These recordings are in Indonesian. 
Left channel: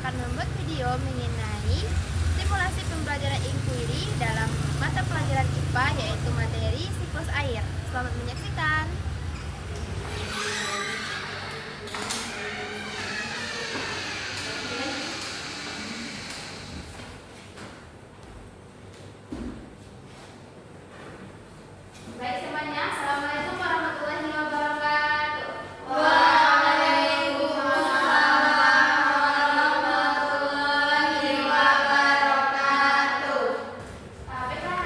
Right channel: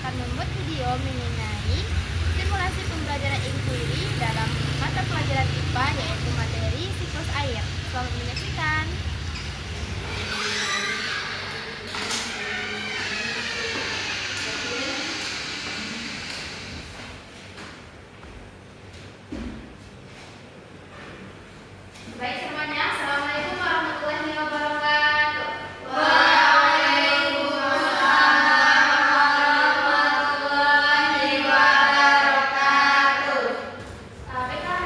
akan membuat video mengenai simulasi pembelajaran inquiry dalam mata pelajaran IPA yaitu materi siklus air. Selamat menyaksikan. Baik semuanya, Assalamualaikum warahmatullahi wabarakatuh. Waalaikumsalam warahmatullahi wabarakatuh. PKH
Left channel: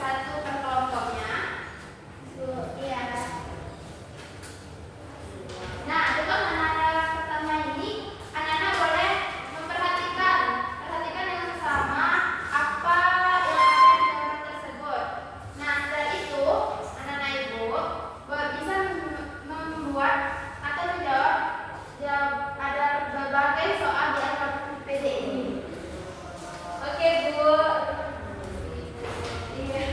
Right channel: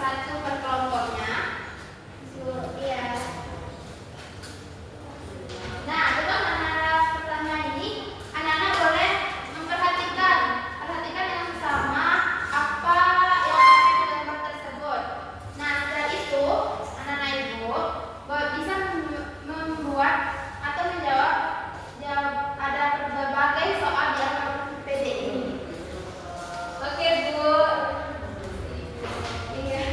satu per kelompoknya. Iya. Nah, untuk anak-anak pertama ini, anak-anak boleh perhatikan dengan sama apa yang ada di gambar tersebut. Nah, setelah itu, anak-anak ibu bisa membuat atau menjawab ada berbagai soal di AKPD ini. Oke, Bu. Iya.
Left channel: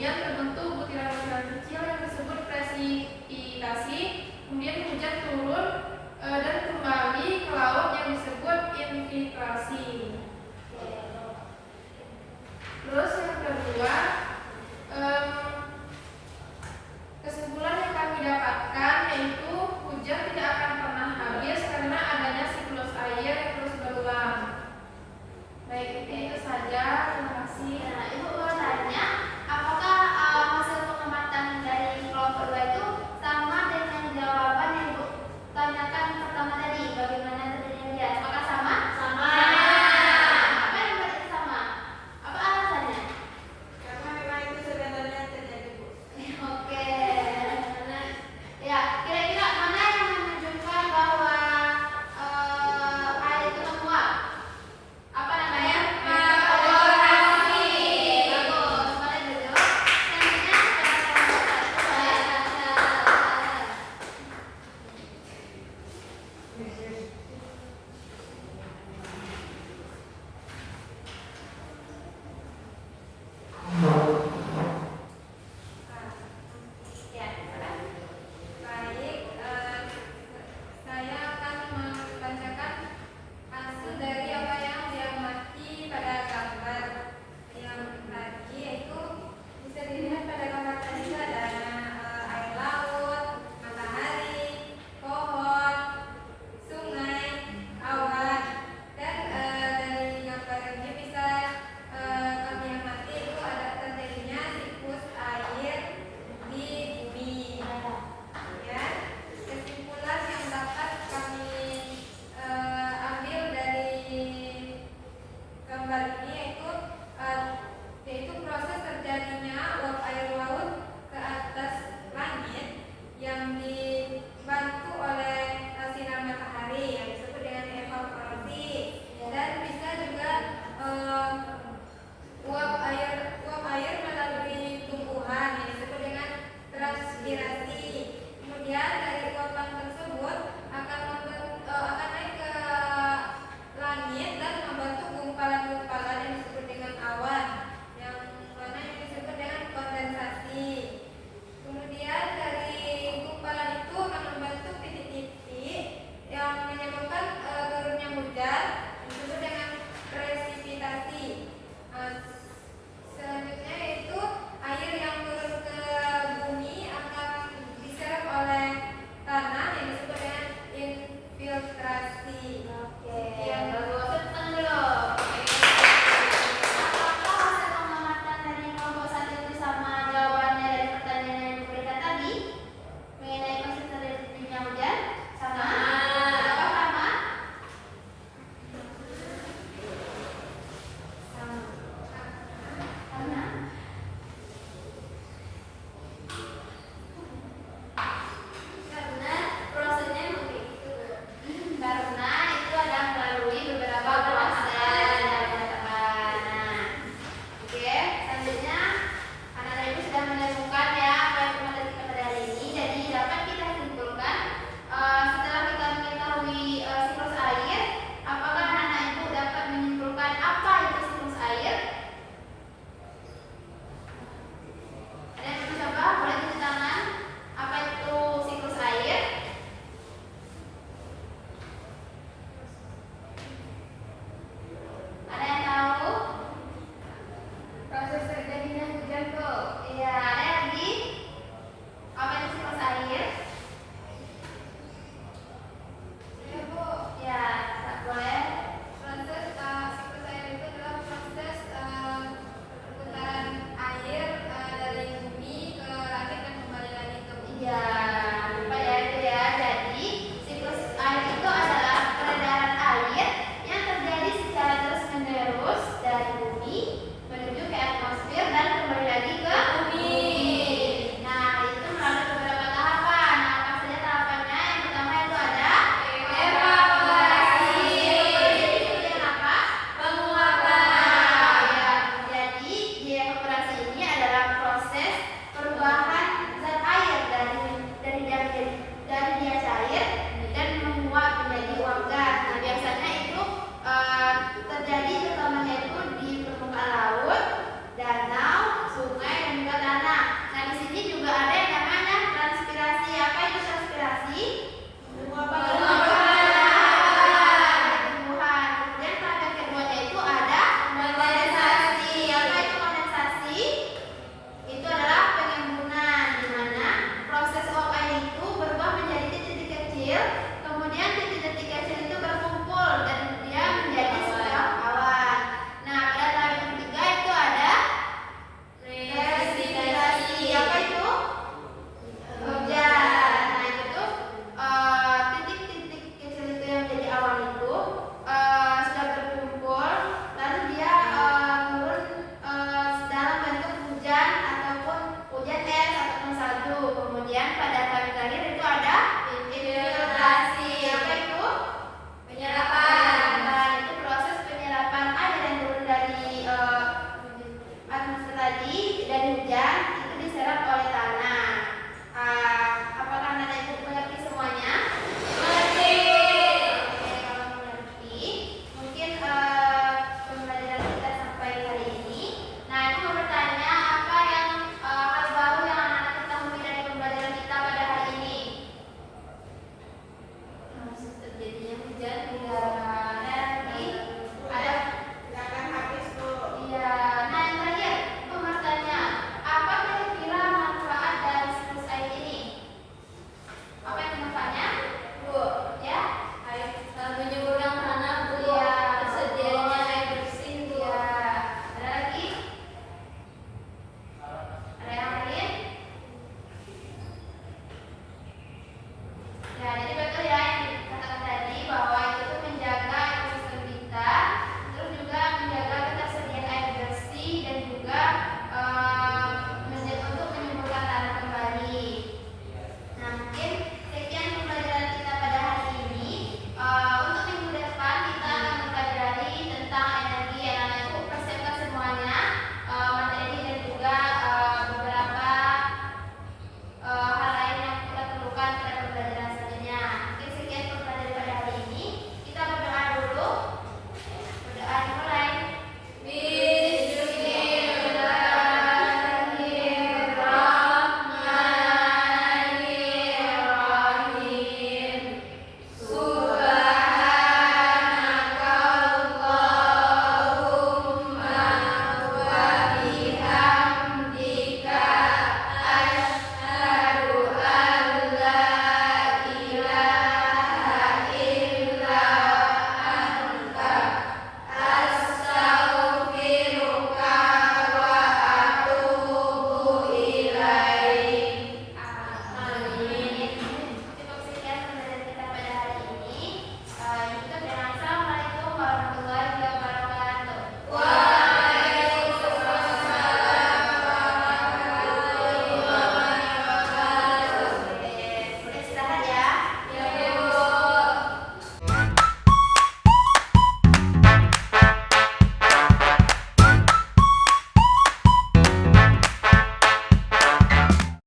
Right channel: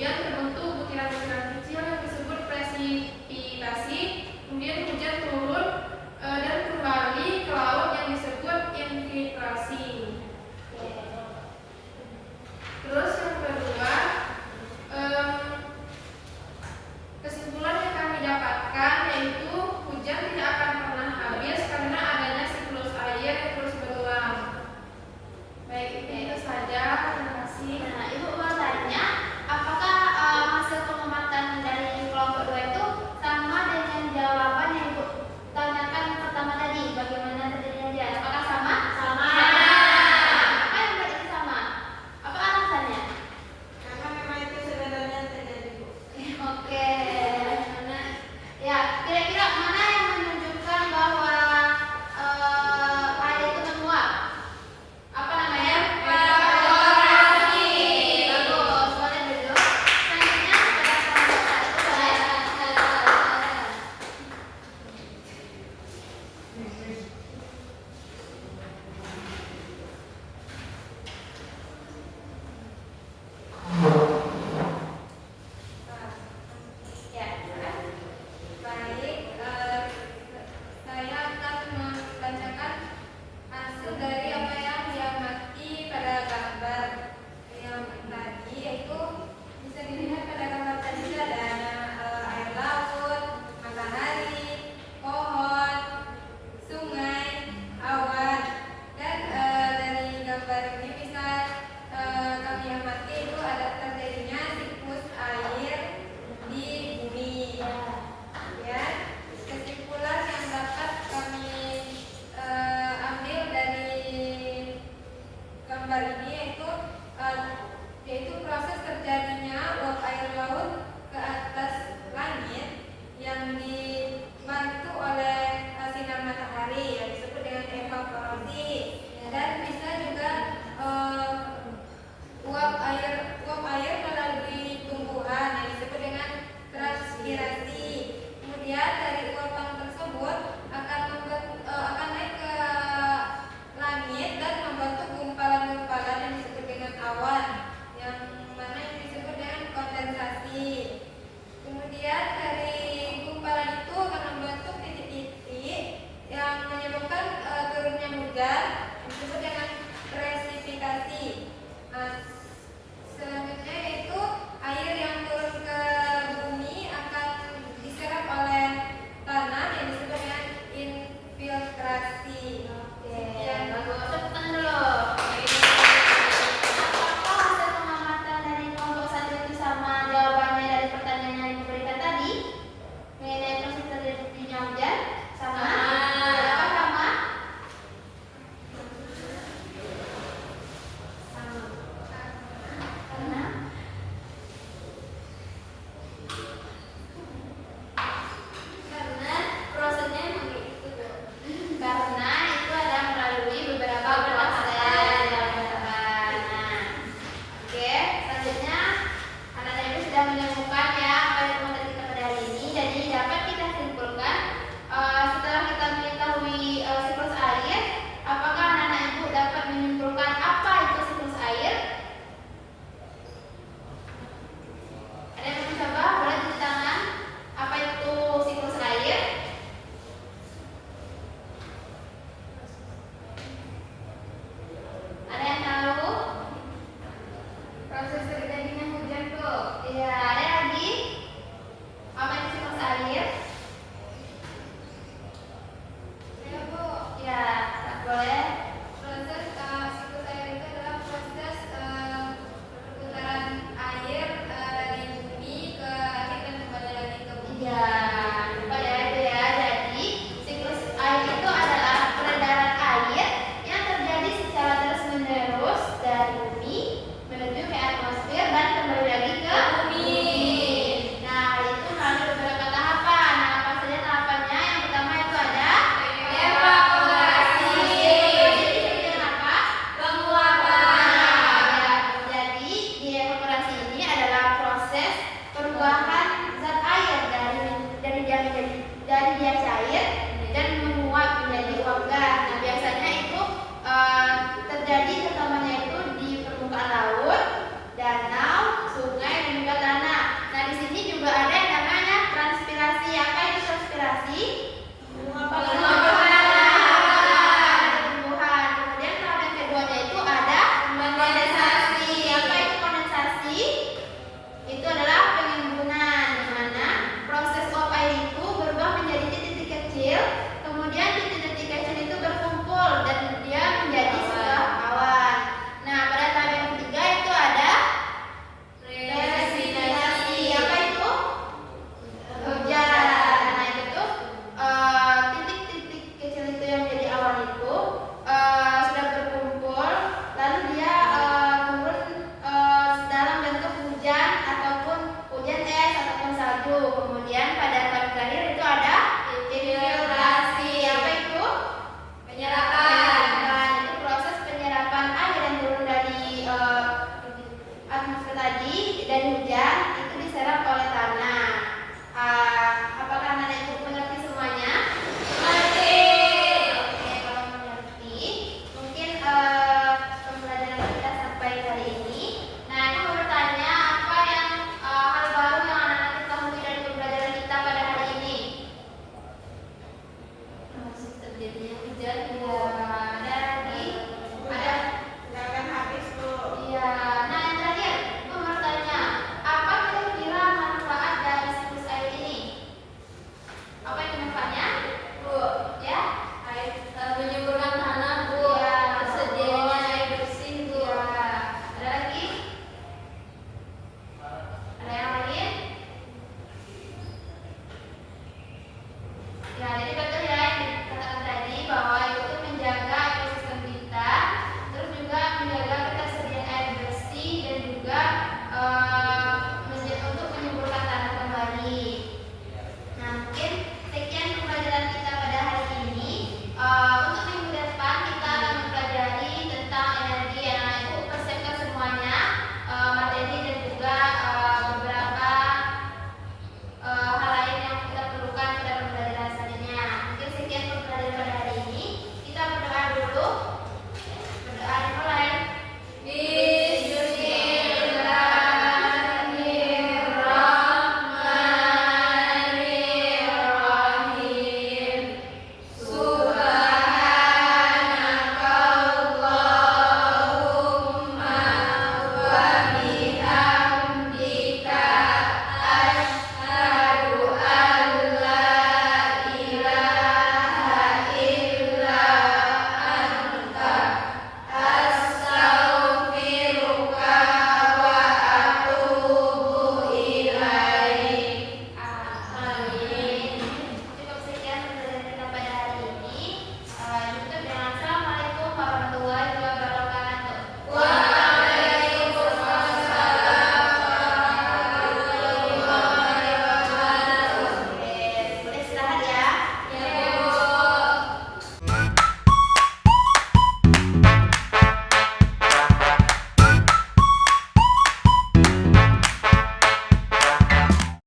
kemudian terbentuk butiran-butiran kecil yang disebut presipitasi, kemudian hujan turun dan kembali ke laut yang disebut infiltrasi. Terus yang kedua, kesimpulan yang kami dapatkan yaitu hujan tidak akan pernah habis karena adanya siklus air yang terus berulang. Baik, itu saja. Terima kasih. Nah, Ibu mau tanya, apakah hasil pengamatan dari kelompok 2 itu sama dengan jawaban yang Ibu tanyakan yang pertama tadi? Bagaimana terjadinya hujan? Apakah sama? Sama. Apa yang berarti sama? Apa alasannya? Karena memang itu sebenarnya terjadi, Bu. Oke. Ya, kira-kira mana yang menunjukkan bahwa air itu menguap? Apa namanya? Evaporasi. Bagus, boleh duduk. Selanjutnya ya, silakan. Baik, saya akan membacakan hasil dari apa yang diamati pada gambar yang tadi, yaitu bisa dilihat pada gambar tadi ada air laut, matahari, pohon, sungai, awan, dan dari gambar ini bisa kami amati itu ada terjadinya siklus air di bumi. Ya, kesimpulan yang dapat kami ambil dari gambar ini yaitu proses terjadinya uap air laut ke atas langit yang dibantu oleh sinar matahari yang disebut dengan evaporasi, dan bisa juga uap air melalui tumbuhan yang disebut dengan transpirasi. Kemudian dari uapan tersebut akan naik ke langit dan membentuk gumpalan-gumpalan yang disebut dengan awan, yang mana yang disebut dengan kondensasi. Kemudian dari gumpalan itu akan membentuk titik-titik yang menyebabkan turunnya hujan yang disebut dengan presipitasi. Selanjutnya yaitu air yang turun ke bumi akan diserap oleh tanah yang disebut dengan infiltrasi. Oke, Sekian. bagus. Tepuk tangan dulu. Apakah hasil pengamatan dari kelompok 1 itu sama jawabannya dari pertanyaan yang Ibu berikan tadi? Mengenai proses terjadinya hujan? Sama? Kenapa sama? Sama. Karena? Karena prosesnya memang begitu. Karena itu ada melalui beberapa proses yang dilakukan. Nah, oke, selanjutnya anak dan ibu sudah menemukan ya apa yang telah kita pada hari ini. Jadi dapat kita simpulkan setelah kita mengetahui siklus air, apakah anak ibu dapat menyimpulkan apa itu siklus air? Ada yang mau coba? Boleh tunjuk tangan. Apa itu siklus air? Ada yang tahu? Proses terjadinya hujan tuh. Iya, ada